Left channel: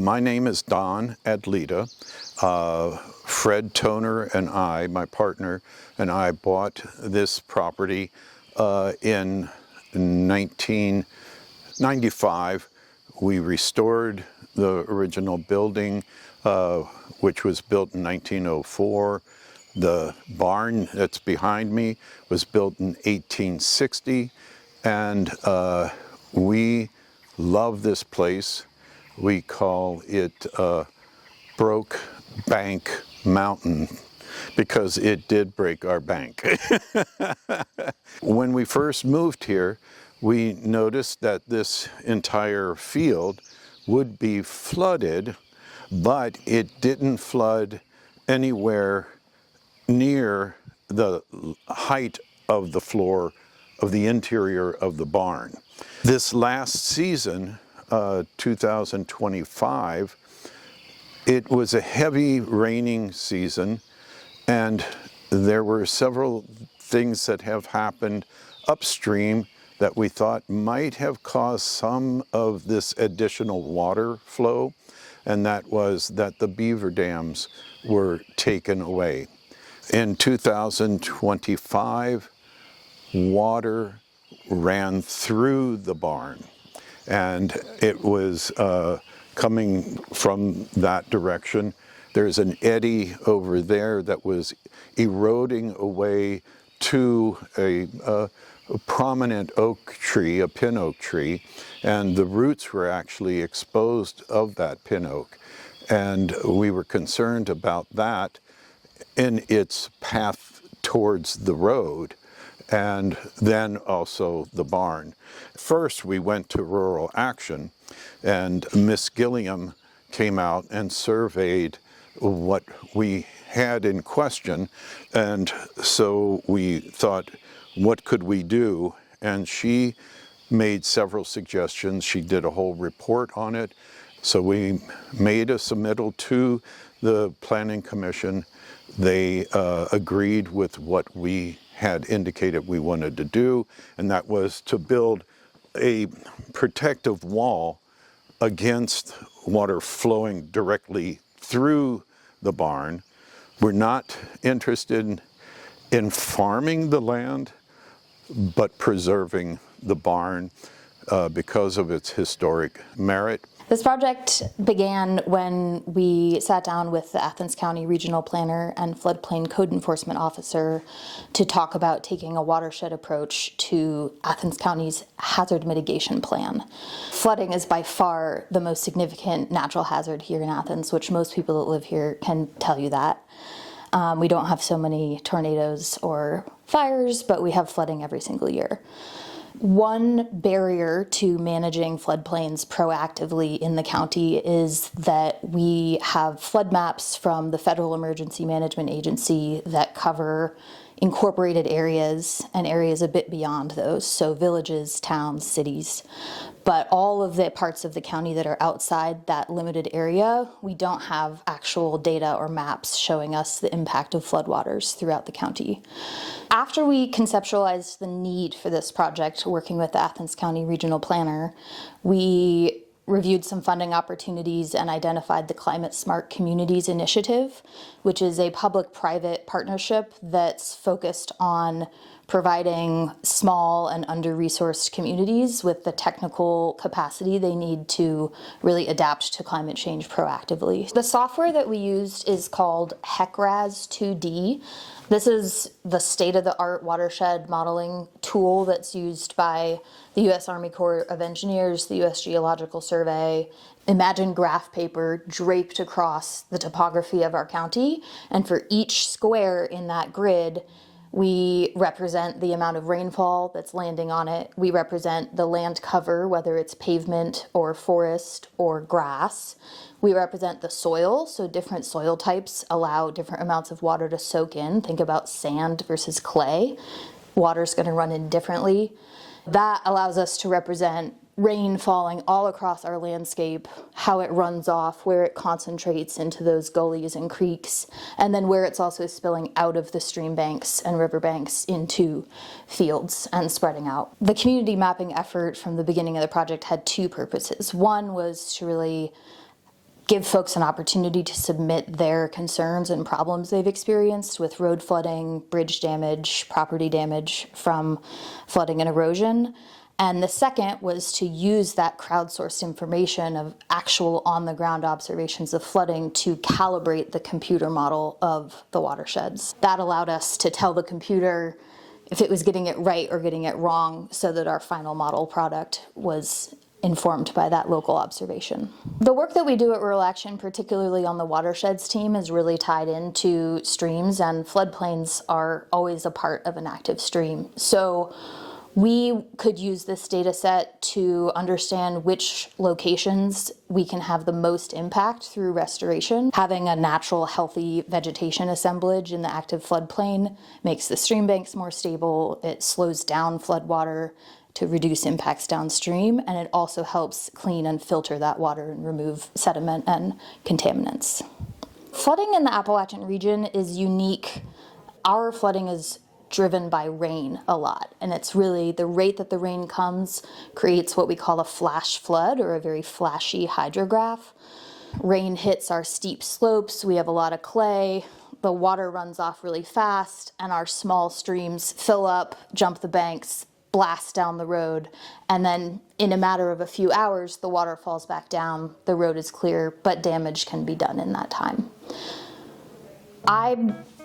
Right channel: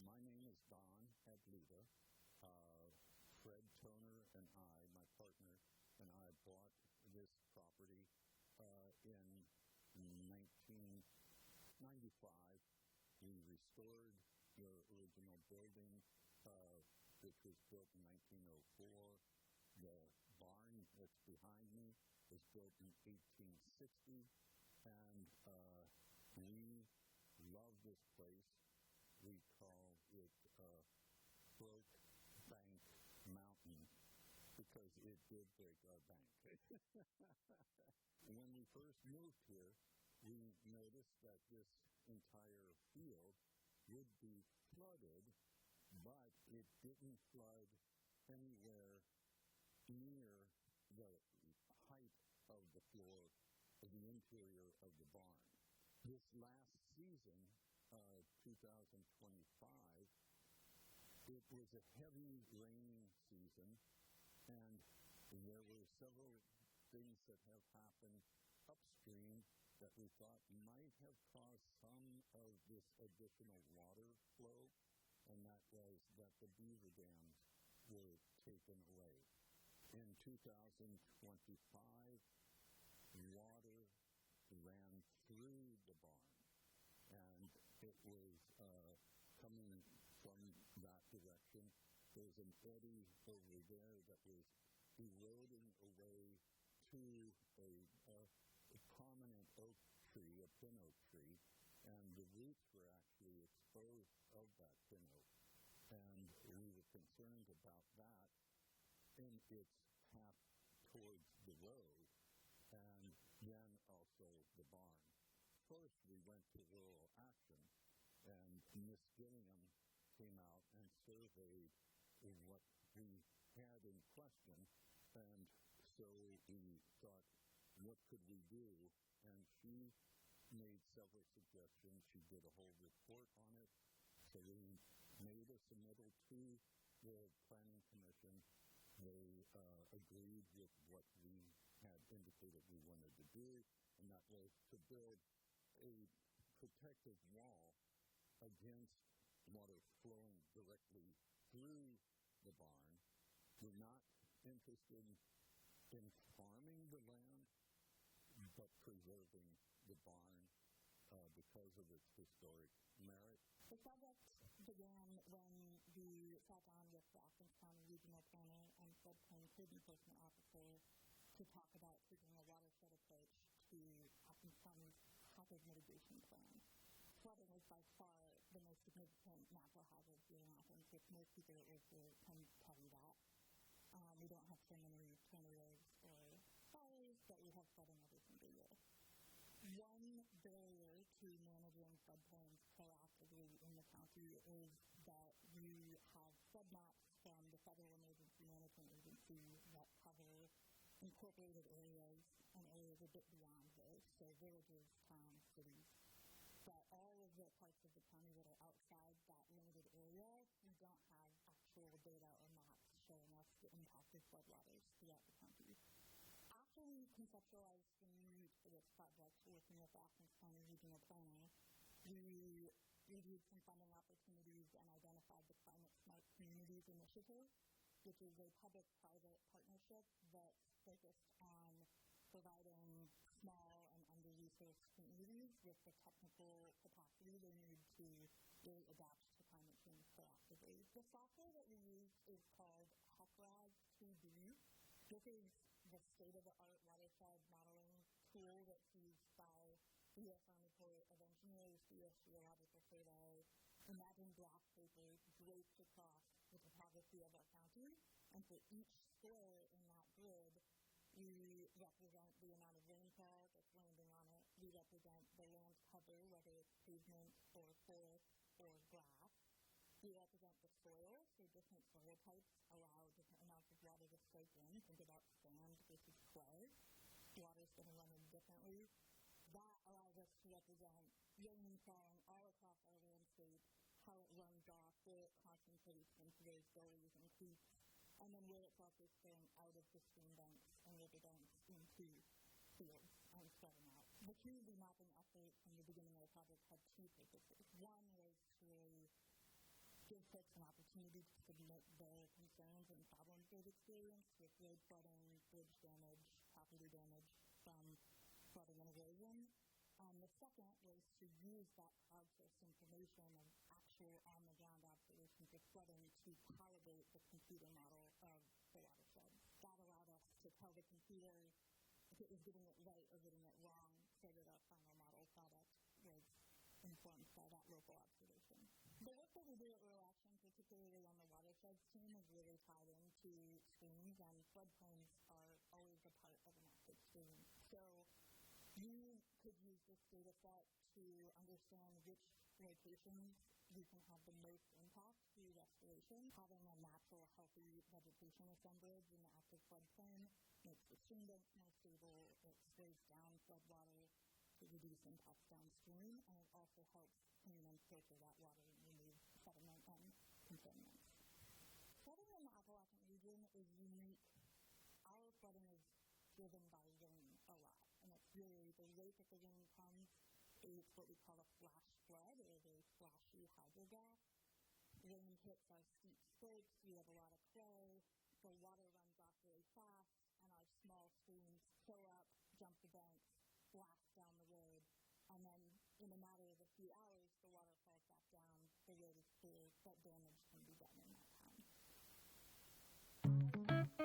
My name is Don Adleta. Fred Toner and I, my partner, and I bought this property in 1995. We restored the original building, which was built in 1904. The barn that's behind me was built in 1860, and we love this place. We call it Broke Bank Mountain because it did break our bank. When we first moved here, we noticed that this entire field would be flooded, but it didn't flood anywhere near the height of the floor of the interior of the barn. This last season, 2025, it was a heavy raining season, and there were several things that have happened upstream that we thought might have caused some of this additional water flow, and that was that the beaver dams were taken away. In 2025, water ran through the barn, and it was coming from that direction. There's an eddy over there that was eroding away to a prominent oak tree, a pin oak tree, and the roots were actually exposed of that pin oak. And we were concerned about that in its path towards the road, and then also the barn. First, we went to Rural Action, and Miss Gilliom came out and surveyed what we had in question, and so we thought, what could we do? And she made several suggestions. She did a whole report on it. So we made a submittal to the Planning Commission. They agreed with what we had indicated we wanted to do, and that was to build a protective wall against water flowing directly through the barn. We're not interested in farming the land, but preserving the barn because of its historic merit. This project began when we sat down with the Athens County Regional Planner and Floodplain Code Enforcement Officer to talk about taking a watershed approach to Athens County's hazard mitigation plan. Flooding is by far the most significant natural hazard here in Athens, which most people that live here can tell you that. We don't have so many tornadoes or fires, but we have flooding every single year. One barrier to managing floodplains proactively in the county is that we have flood maps from the Federal Emergency Management Agency that cover incorporated areas and areas a bit beyond those, so villages, towns, cities. But all of the parts of the county that are outside that limited area, we don't have actual data or maps showing us the impact of floodwaters throughout the county. After we conceptualized the need for this project, working with the Athens County Regional Planner, we reviewed some funding opportunities and identified the Climate Smart Communities Initiative, which is a public-private partnership that's focused on providing small and under-resourced communities with the technical capacity they need to really adapt to climate change proactively. The software that we used is called HECRAS 2D. This is the state-of-the-art watershed modeling tool that's used by the U.S. Army Corps of Engineers, the U.S. Geological Survey. Imagine graph paper draped across the topography of our county, and for each square in that grid, we represent the amount of rainfall that's landing on it. We represent the land cover, whether it's pavement or forest or grass. We represent the soil, so different soil types allow different amounts of water to soak in. Think about sand versus clay. Water's going to run in differently. That allows us to represent rain falling all across our landscape, how it runs off, where it concentrates into those gullies and creeks, and then where it's also spilling out of the stream banks and river banks into fields and spreading out. The community mapping effort from the beginning of the project had two purposes. One was to really give folks an opportunity to submit their concerns and problems they've experienced with road flooding, bridge damage, property damage from flooding and erosion. And the second was to use that crowdsourced information of actual on-the-ground observations of flooding to calibrate the computer model of the watersheds. That allowed us to tell the computer if it was getting it right or getting it wrong, so that our final model product was informed by that local observation. The work that we do at Rural Action, particularly on the watersheds team, is really tied into streams, and floodplains are always a part of an active stream. So we could use this data set to understand which locations we can have the most impact through restoration. Having a natural, healthy vegetation assemblage in the active floodplain makes the stream banks more stable. It slows down floodwater to reduce impacts downstream, and it also helps clean and filter that water and remove sediment and contaminants. Flooding in the Appalachian region is unique. Our flooding is driven by rain a lot, and it's really the rate that the rain comes creates what we call a flash flood, or a very flashy hydrograph. Rain hits our steep slopes, we have a lot of clay, the water runs off really fast, and our small streams fill up, jump the banks, blast down the road, and then in a matter of a few hours the water falls back down, the road is clear, but damage can be done in that time. I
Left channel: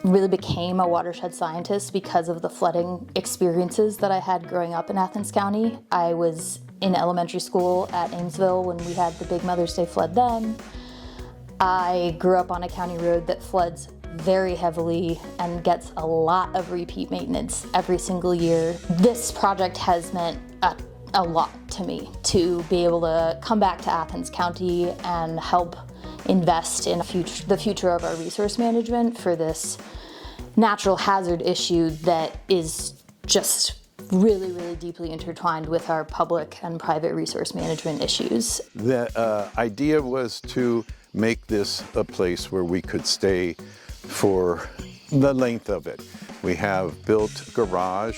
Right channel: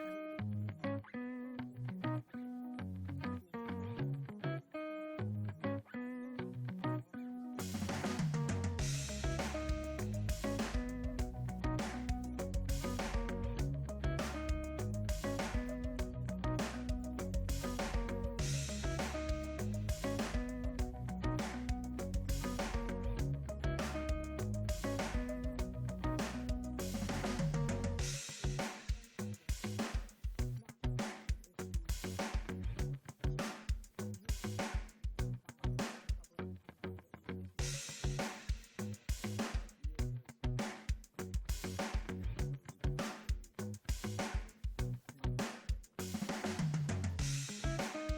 really became a watershed scientist because of the flooding experiences that I had growing up in Athens County. I was in elementary school at Amesville when we had the big Mother's Day flood then. I grew up on a county road that floods very heavily and gets a lot of repeat maintenance every single year. This project has meant a lot to me, to be able to come back to Athens County and help invest in the future of our resource management for this natural hazard issue that is just really, really deeply intertwined with our public and private resource management issues. The idea was to make this a place where we could stay for the length of it. We have built garage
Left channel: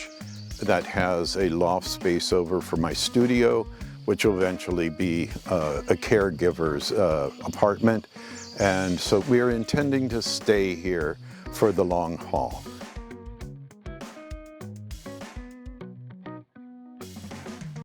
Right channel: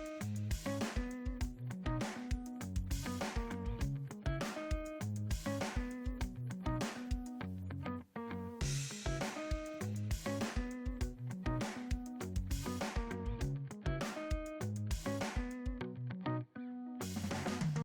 that has a loft space over for my studio, which will eventually be a caregiver's apartment. And so we're intending to stay here for the long haul.